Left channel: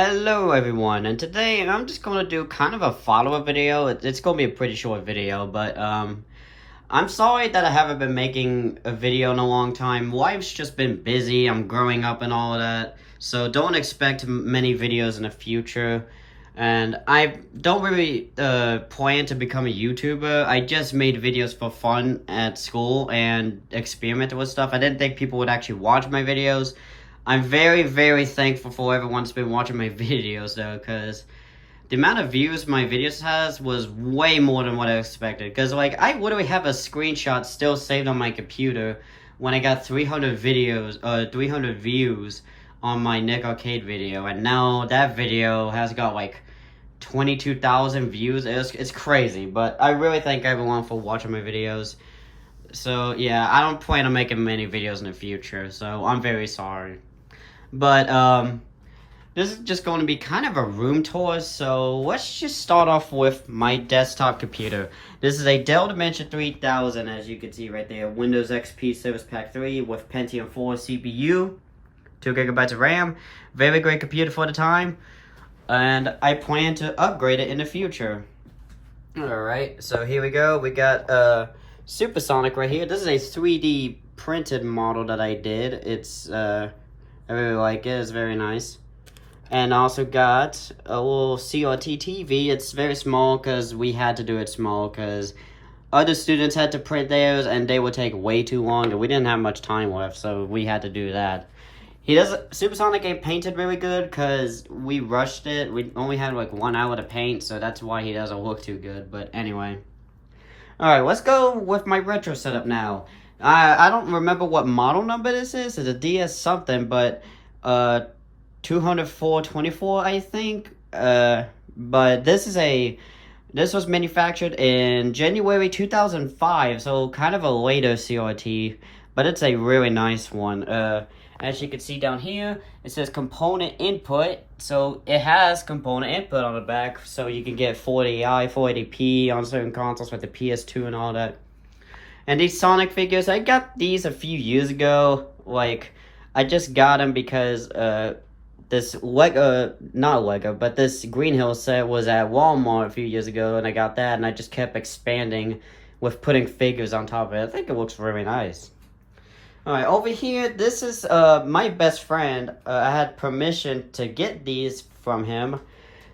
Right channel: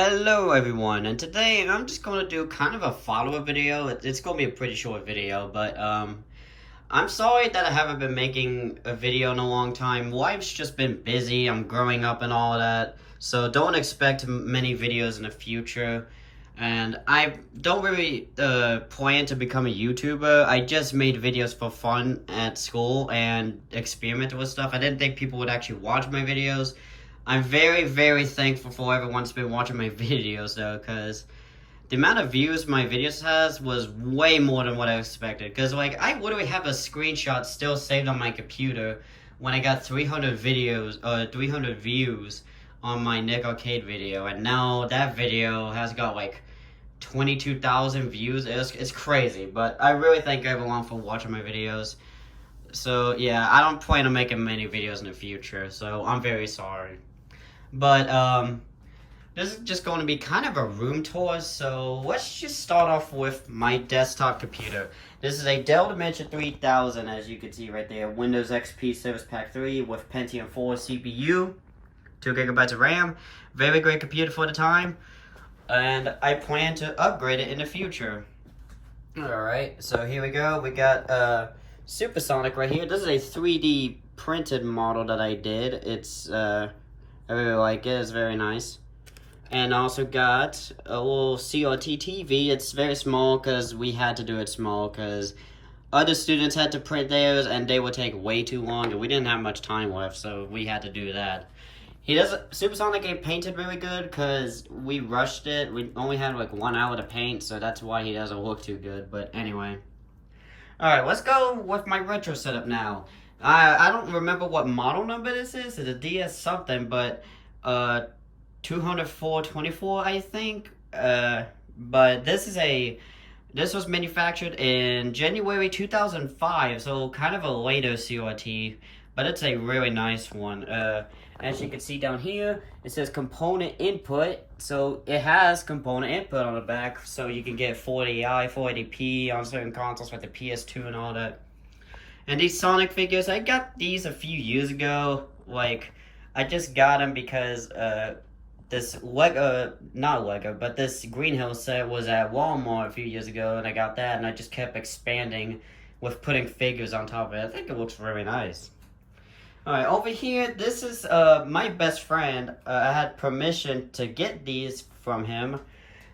Hello everyone, and today I'm just going to do kind of a follow-up video. It's going to be a pretty short video, but I'm sorry that I haven't been making a video in a long time. Life's just been busy, I'm growing up and all of that, so don't expect many videos in the future. And I don't really plan to become a YouTuber. I just made videos for fun at school and experimented with stuff. I didn't think people would actually watch my videos. I'm very, very thankful for everyone's been watching my videos, though, because the amount of views my videos has was way more than what I expected. Because, like, I literally have a screenshot still saved on my computer when I got 300 views on my Nick Arcade video. And now that video has got, like, 22,000 views. It's crazy, but I really thank everyone for watching my videos. So, yeah, I don't plan on making many videos in the future, so I'm very sorry. But, this is just going to be kind of a room tour, so let's just start off with my desktop computer. This is a Dell Dimension 3000, as you can see right there. Windows XP Service Pack 3 with Pentium 4 CPU, 2 gigabytes of RAM. Very great computer for the time, and I plan to upgrade it in the future. Alright, so here we go. We got Supersonic right here. This is a 3D printed model that I did. It's, I really like it. It's very nice. And also got a little CRT TV. It's very small because we had to do it small because other students had to print theirs and they would take way too long and we didn't have much time left, so we had to do that. Supersonic ain't painted really good because we rushed it. We only had like 1 hour to paint, so that's why he doesn't look too good, but anyway. Alright, let's go with my retro setup now. I don't remember what model number this is. It's a DS something, but 20424, I think. But this was manufactured in January 2005, so kind of a later CRT, but it's a really nice one. As you can see down here, it says component input, so it has component input on the back, so you can get 480i, 480p on certain consoles with the PS2 and all that. And these Sonic figures, I got these a few years ago. Like, I just got them because this this Green Hill set was at Walmart a few years ago, and I got that, and I just kept expanding with putting figures on top of it. I think it looks really nice. Alright, over here, this is my best friend. I had permission to get these from him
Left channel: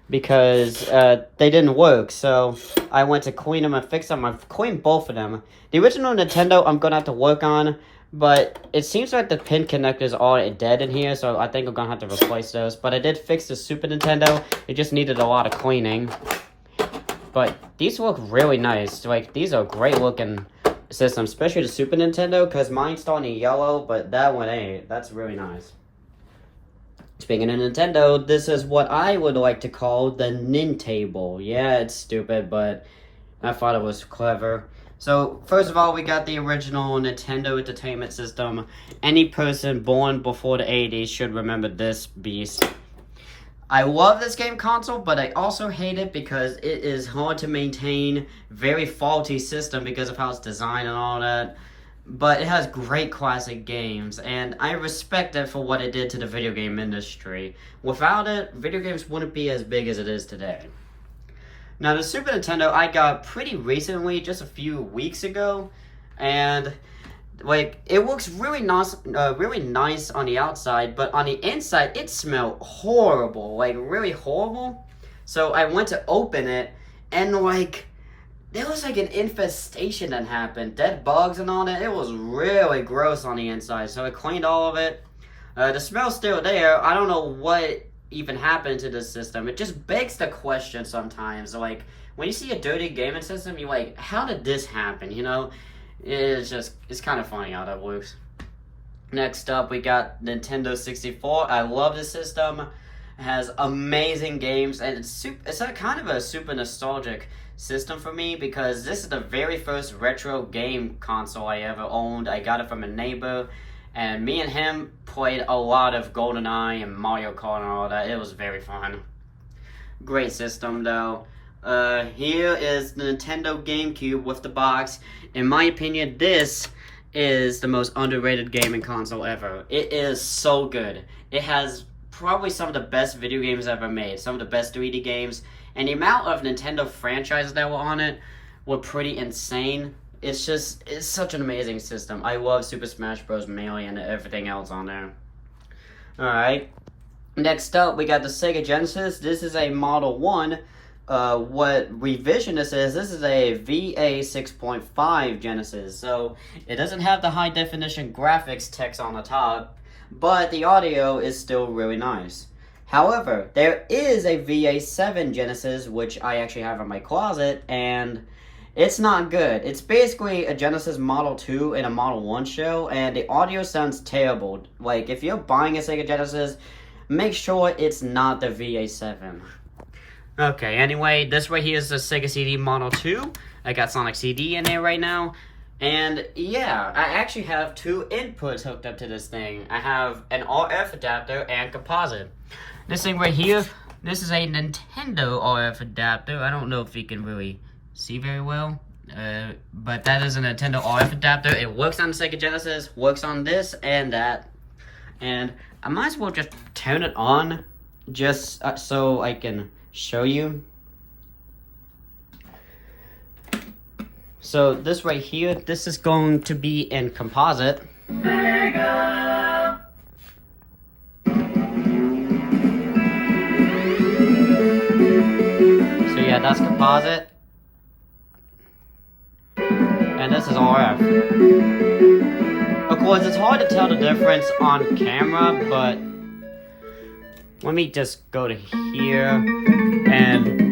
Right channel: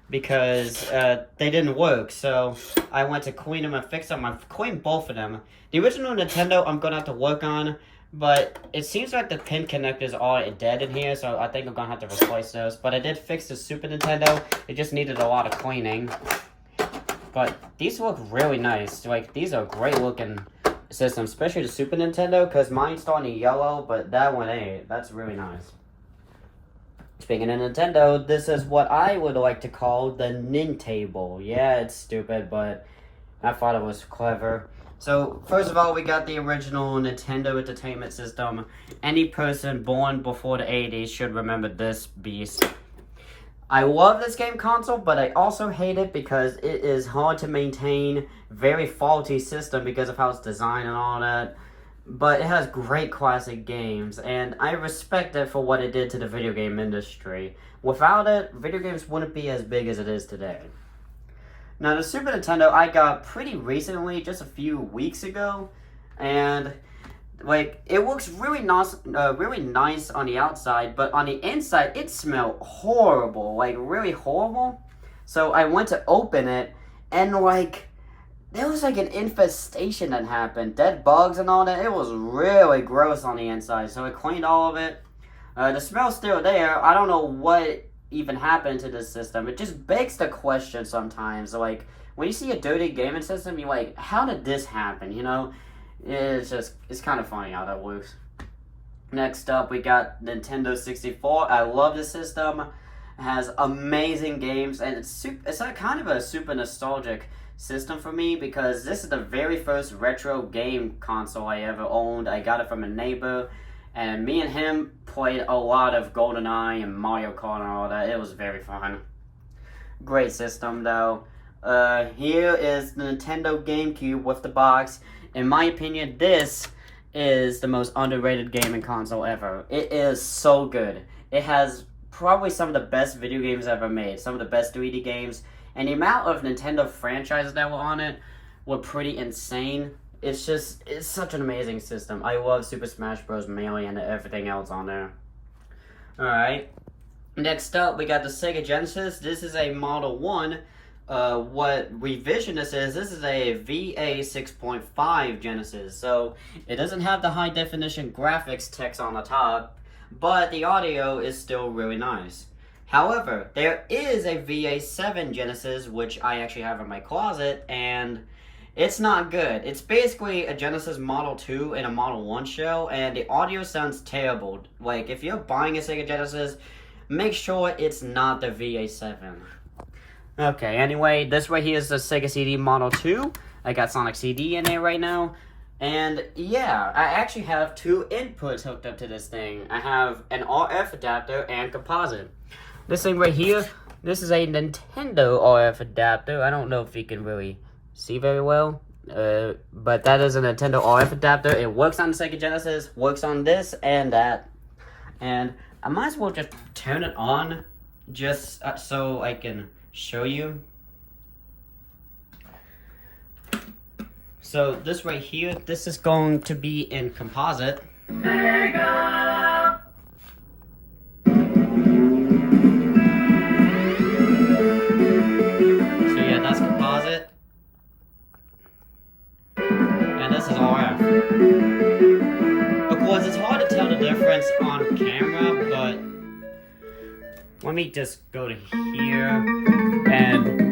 because they didn't work, so I went to clean them and fix them. I've cleaned both of them. The original Nintendo I'm gonna have to work on, but it seems like the pin connectors are dead in here, so I think I'm gonna have to replace those. But I did fix the Super Nintendo. It just needed a lot of cleaning. But these look really nice. Like, these are great looking systems, especially the Super Nintendo, because mine's starting to yellow, but that one ain't. That's really nice. Speaking of Nintendo, this is what I would like to call the Nintable. Yeah, it's stupid, but I thought it was clever. So, first of all, we got the original Nintendo Entertainment System. Any person born before the 80s should remember this beast. I love this game console, but I also hate it because it is hard to maintain, very faulty system because of how it's designed and all that. But it has great classic games, and I respect it for what it did to the video game industry. Without it, video games wouldn't be as big as it is today. Now, the Super Nintendo I got pretty recently, just a few weeks ago, and like, it looks really nice on the outside, but on the inside, it smelled horrible, like, really horrible. So I went to open it, and like, there was like an infestation that happened, dead bugs and all that. It was really gross on the inside, so I cleaned all of it. The smell's still there. I don't know what even happened to this system. It just begs the question sometimes, like, when you see a dirty gaming system, you're like, how did this happen, you know? It's kind of funny how that works. Next up, we got Nintendo 64. I love this system. It has amazing games, and it's a kind of a super nostalgic system for me because this is the very first retro game console I ever owned. I got it from a neighbor, and me and him played a lot of GoldenEye and Mario Kart and all that. It was very fun. Great system, though. Here is the Nintendo GameCube with the box. In my opinion, this is the most underrated gaming console ever. It is so good. It has probably some of the best video games ever made, some of the best 3D games, and the amount of Nintendo franchises that were on it were pretty insane. It's such an amazing system. I love Super Smash Bros. Melee and everything else on there. Alright, next up we got the Sega Genesis. This is a Model 1. What revision this is a VA 6.5 Genesis, so it doesn't have the high definition graphics text on the top, but the audio is still really nice. However, there is a VA 7 Genesis, which I actually have in my closet, and it's not good. It's basically a Genesis Model 2 in a Model 1 shell, and the audio sounds terrible. Like, if you're buying a Sega Genesis, make sure it's not the VA 7. Okay, anyway, this right here is the Sega CD Model 2. I got Sonic CD in there right now. And yeah, I actually have two inputs hooked up to this thing. I have an RF adapter and composite. This thing right here, this is a Nintendo RF adapter. I don't know if you can really see very well. But that is a Nintendo RF adapter. It works on the Sega Genesis, works on this and that. And I might as well just turn it on just so I can show you. So this right here, this is going to be in composite. Sega. So yeah, that's composite. And this is RF. Of course, it's hard to tell the difference on camera, but let me just go to here and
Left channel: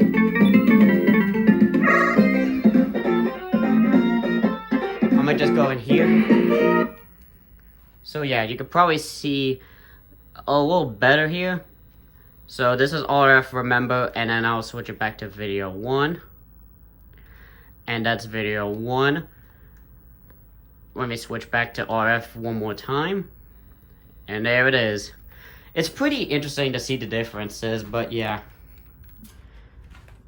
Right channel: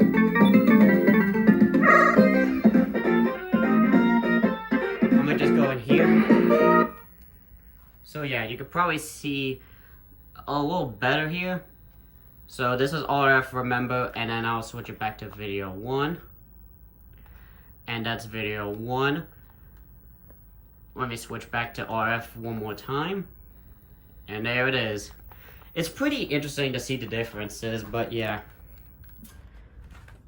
I'm gonna just go in here. So yeah, you can probably see a little better here. So this is RF, remember, and then I'll switch it back to video 1. And that's video 1. Let me switch back to RF one more time. And there it is. It's pretty interesting to see the differences, but yeah.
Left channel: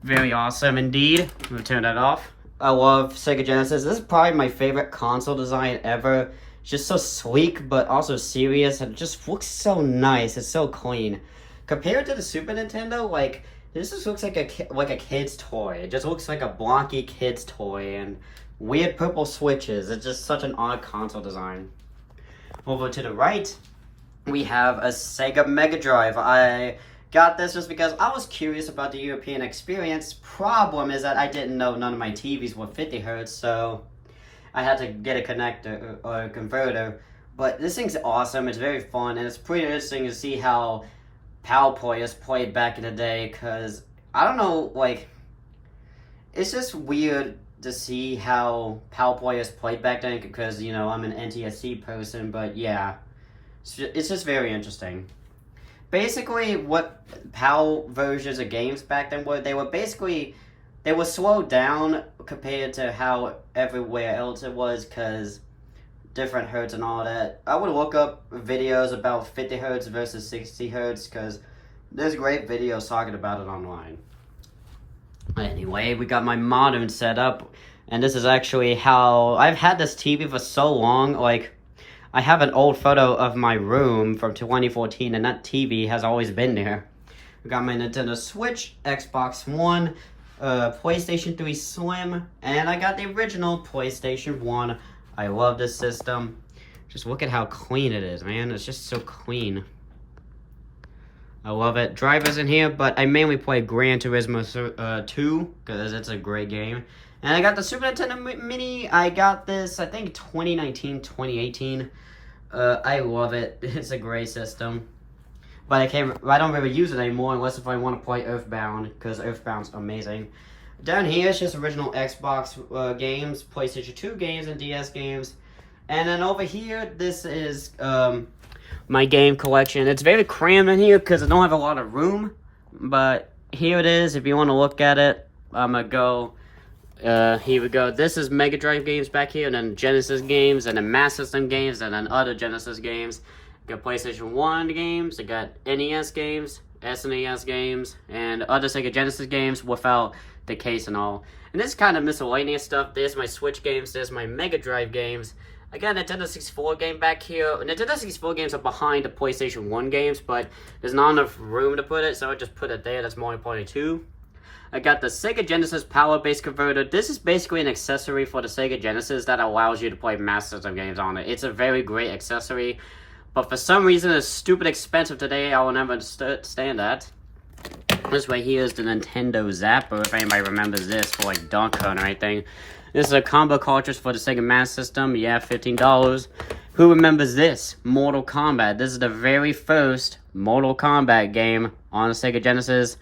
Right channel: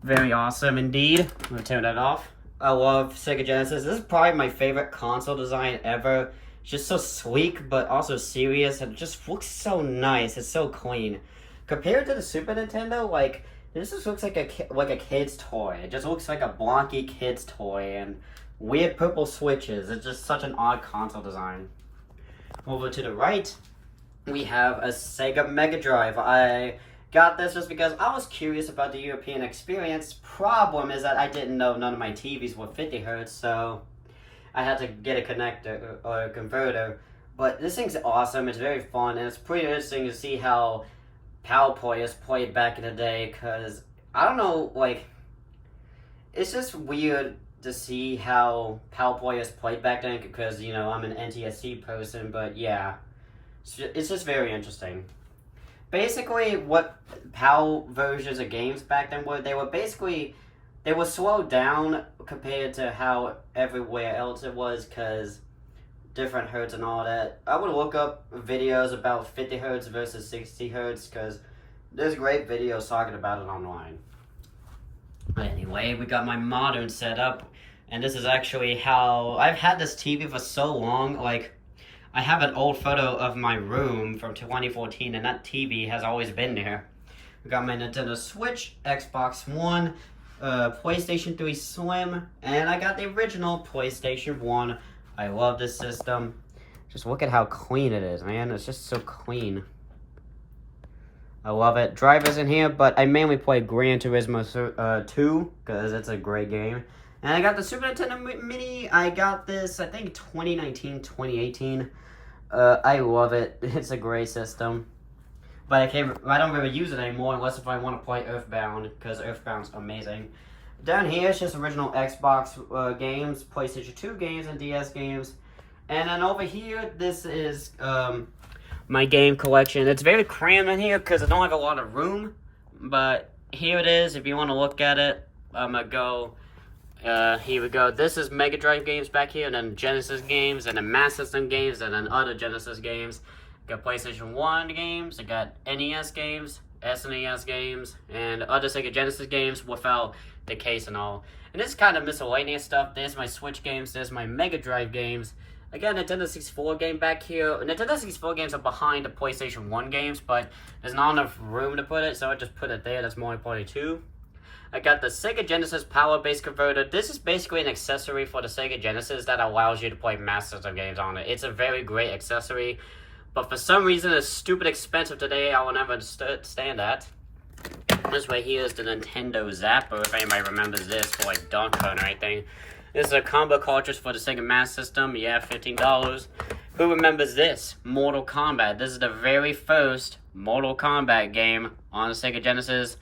Very awesome indeed. I'm gonna turn that off. I love Sega Genesis. This is probably my favorite console design ever. It's just so sleek, but also serious, and it just looks so nice. It's so clean. Compared to the Super Nintendo, like, this just looks like a kid's toy. It just looks like a blocky kid's toy, and weird purple switches. It's just such an odd console design. Over to the right, we have a Sega Mega Drive. I got this just because I was curious about the European experience. Problem is that I didn't know none of my TVs were 50 Hertz, so I had to get a connector or a converter. But this thing's awesome. It's very fun, and it's pretty interesting to see how PAL players played back in the day, because I don't know, like, it's just weird to see how PAL players played back then, because, you know, I'm an NTSC person, but yeah. It's just very interesting. Basically, what PAL versions of games back then were, they were slowed down compared to how everywhere else it was, because different hertz and all that. I would look up videos about 50 hertz versus 60 hertz, because there's great videos talking about it online. Anyway, we got my modern setup, and this is actually how I've had this TV for so long. Like, I have an old photo of my room from 2014, and that TV has always been there. We got my Nintendo Switch, Xbox One, PlayStation 3 Slim, and I got the original PlayStation 1. I love this system. Just look at how clean it is, man. It's just so clean. I love it. Drivers in here, but I mainly play Gran Turismo 2, because it's a great game. And I got the Super Nintendo Mini. I got this, I think, 2019, 2018. I love it. It's a great system. But I don't really use it anymore unless if I want to play Earthbound, because Earthbound's amazing. Down here, it's just original Xbox games, PlayStation 2 games, and DS games. And then over here, this is my game collection. It's very crammed in here because I don't have a lot of room. But here it is. If you want to look at it, I'm going to go. Here we go. This is Mega Drive games back here, and then Genesis games, and then Master System games, and then other Genesis games. Got PlayStation 1 games, I got NES games, SNES games, and other Sega Genesis games without the case and all. And this is kind of miscellaneous stuff. There's my Switch games, there's my Mega Drive games. I got a Nintendo 64 game back here. Nintendo 64 games are behind the PlayStation 1 games, but there's not enough room to put it, so I just put it there. That's Mario Party 2. I got the Sega Genesis Power Base Converter. This is basically an accessory for the Sega Genesis that allows you to play Master System games on it. It's a very great accessory, but for some reason it's stupid expensive today. I will never understand that. This right here is the Nintendo Zapper, if anybody remembers this, for like Donkey Kong or anything. This is a combo cartridge for the Sega Master System. Yeah, $15. Who remembers this? Mortal Kombat. This is the very first Mortal Kombat game on the Sega Genesis.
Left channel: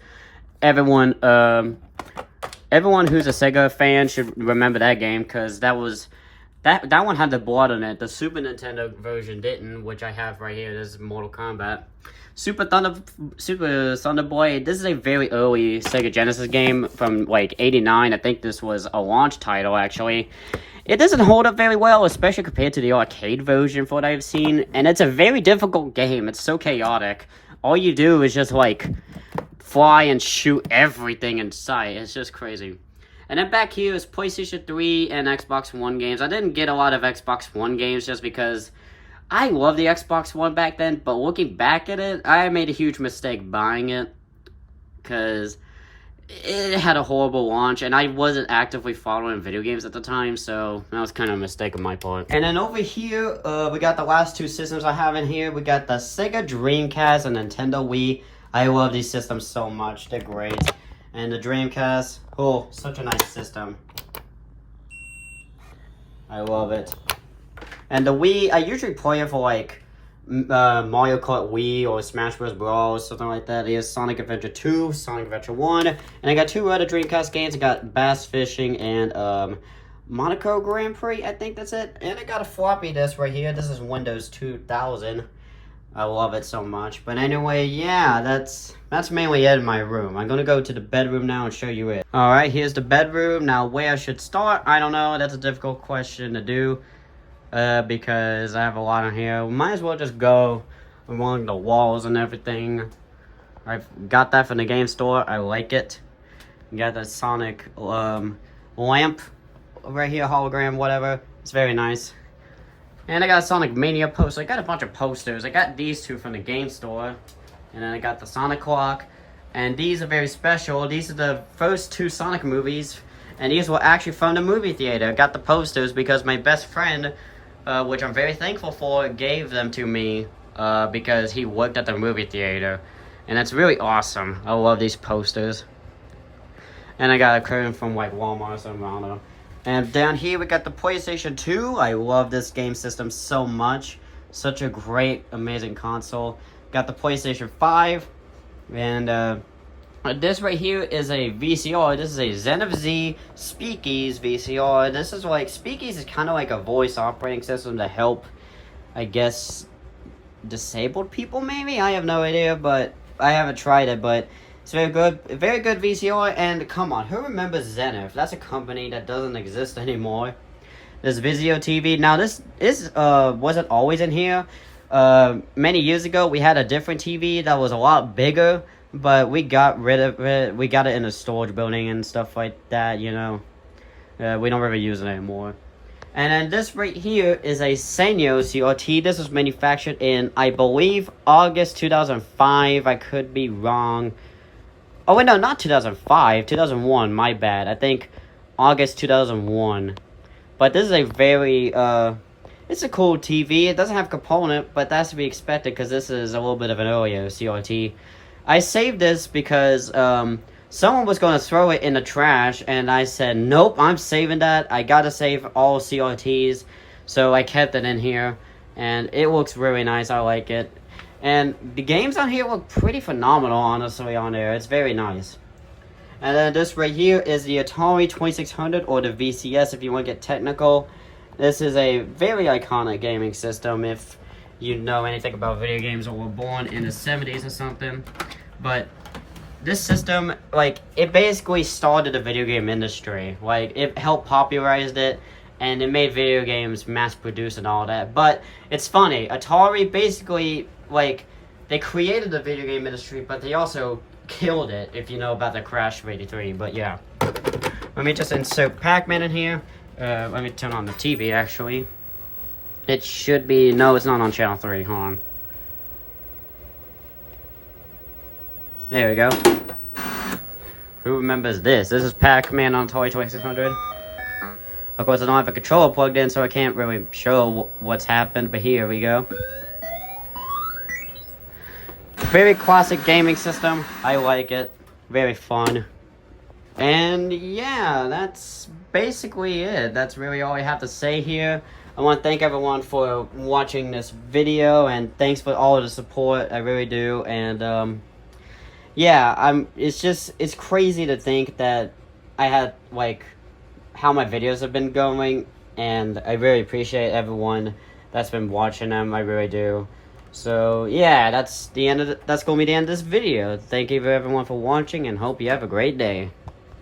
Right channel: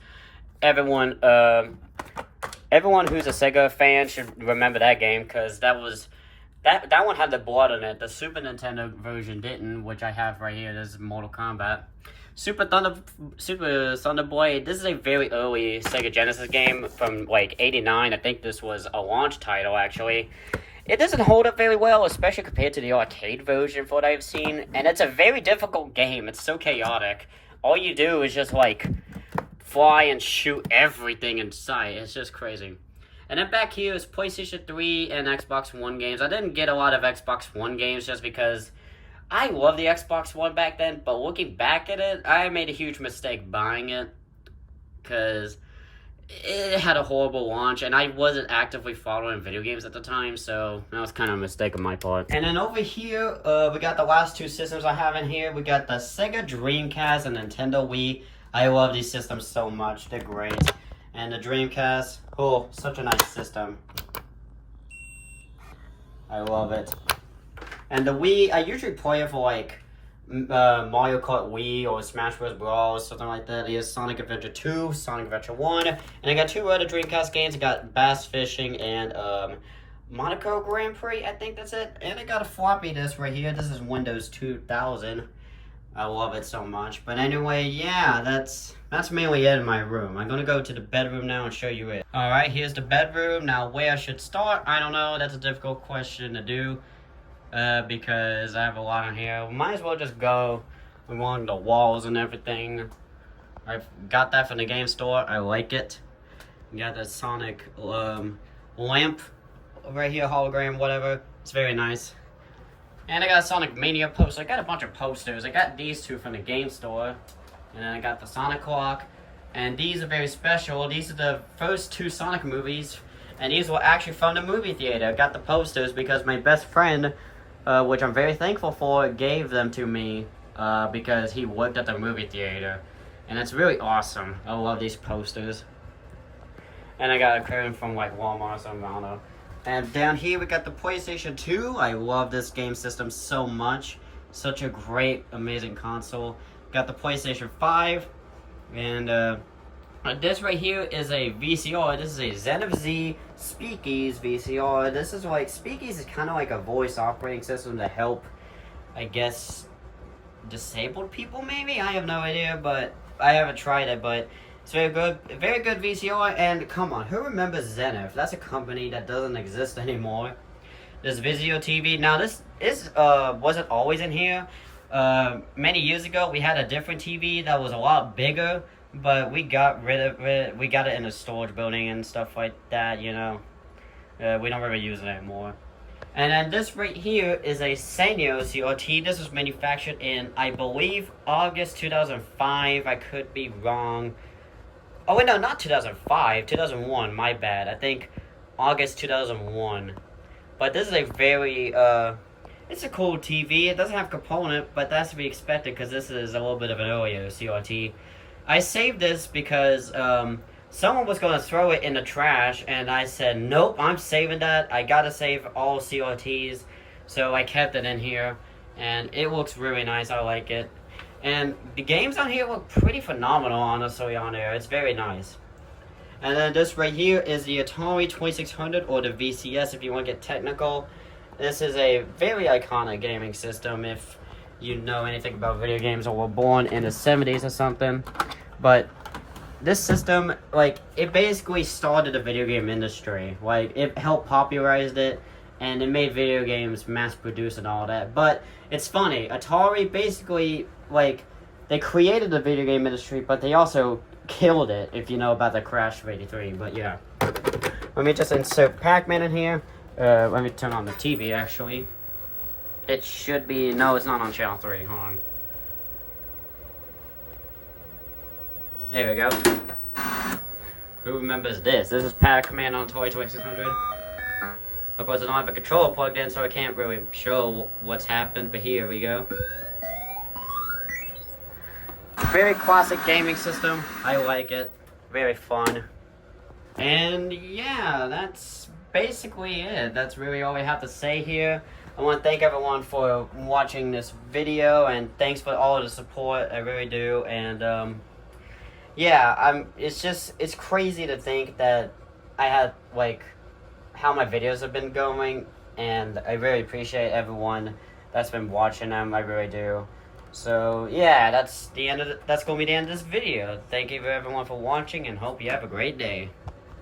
Everyone who's a Sega fan should remember that game, because that one had the blood on it. The Super Nintendo version didn't, which I have right here. This is Mortal Kombat. Super Thunder Boy. This is a very early Sega Genesis game from like '89. I think this was a launch title actually. It doesn't hold up very well, especially compared to the arcade version for what I've seen. And it's a very difficult game. It's so chaotic. All you do is just like fly and shoot everything in sight. It's just crazy. And then back here is PlayStation 3 and Xbox One games. I didn't get a lot of Xbox One games just because I love the Xbox One back then, but looking back at it, I made a huge mistake buying it because it had a horrible launch, and I wasn't actively following video games at the time, so that was kind of a mistake on my part. And then over here, we got the last two systems I have in here. We got the Sega Dreamcast and Nintendo Wii. I love these systems so much. They're great. And the Dreamcast, oh, such a nice system. I love it. And the Wii, I usually play it for like Mario Kart Wii or Smash Bros. Brawl, something like that. There's Sonic Adventure 2, Sonic Adventure 1. And I got two other Dreamcast games. I got Bass Fishing and Monaco Grand Prix, I think that's it. And I got a floppy disk right here. This is Windows 2000. I love it so much. But anyway, yeah, that's mainly it in my room. I'm gonna go to the bedroom now and show you it. Alright, here's the bedroom. Now, where I should start, I don't know. That's a difficult question to do. Because I have a lot in here. We might as well just go along the walls and everything. I've got that from the game store. I like it. Got the Sonic lamp right here, hologram, whatever. It's very nice. And I got a Sonic Mania poster. I got a bunch of posters. I got these two from the game store. And then I got the Sonic clock. And these are very special. These are the first two Sonic movies. And these were actually from the movie theater. I got the posters because my best friend, which I'm very thankful for, gave them to me because he worked at the movie theater. And it's really awesome. I love these posters. And I got a curtain from like Walmart or something, I don't know. And down here we got the PlayStation 2. I love this game system so much. Such a great, amazing console. Got the PlayStation 5. And this right here is a VCR. This is a Zen of Z Speakeasy VCR. This is like, Speakeasy is kind of like a voice operating system to help, I guess, disabled people maybe? I have no idea, but I haven't tried it, but it's very good VCR. And come on, who remembers Zenith? That's a company that doesn't exist anymore. This Vizio TV. Now this wasn't always in here. Many years ago, we had a different TV that was a lot bigger, but we got rid of it. We got it in a storage building and stuff like that, you know. We don't really use it anymore. And then this right here is a Sanyo CRT. This was manufactured in, I believe, August 2005. I could be wrong. Oh, wait, no, not 2005. 2001, my bad. I think August 2001. But this is a very, it's a cool TV. It doesn't have component, but that's to be expected because this is a little bit of an earlier CRT. I saved this because someone was going to throw it in the trash, and I said, nope, I'm saving that. I gotta save all CRTs. So I kept it in here, and it looks really nice. I like it. And the games on here look pretty phenomenal, honestly, on there. It's very nice. And then this right here is the Atari 2600, or the VCS if you want to get technical. This is a very iconic gaming system if you know anything about video games or were born in the 70s or something. But this system, like, it basically started the video game industry. Like, it helped popularize it, and it made video games mass-produced and all that. But it's funny, Atari basically, like, they created the video game industry, but they also killed it, if you know about the crash of '83. But yeah. Let me just insert Pac-Man in here. Let me turn on the TV, actually. It should be, no, it's not on channel 3, hold on. There we go. Who remembers this? This is Pac-Man on Atari 2600. Of course, I don't have a controller plugged in, so I can't really show what's happened, but here we go. Very classic gaming system. I like it. Very fun. And yeah, that's basically it. That's really all I have to say here. I want to thank everyone for watching this video, and thanks for all the support. I really do. And yeah, it's crazy to think that I had, like, how my videos have been going, and I really appreciate everyone that's been watching them. I really do. So yeah, that's gonna be the end of this video. Thank you everyone for watching, and hope you have a great day.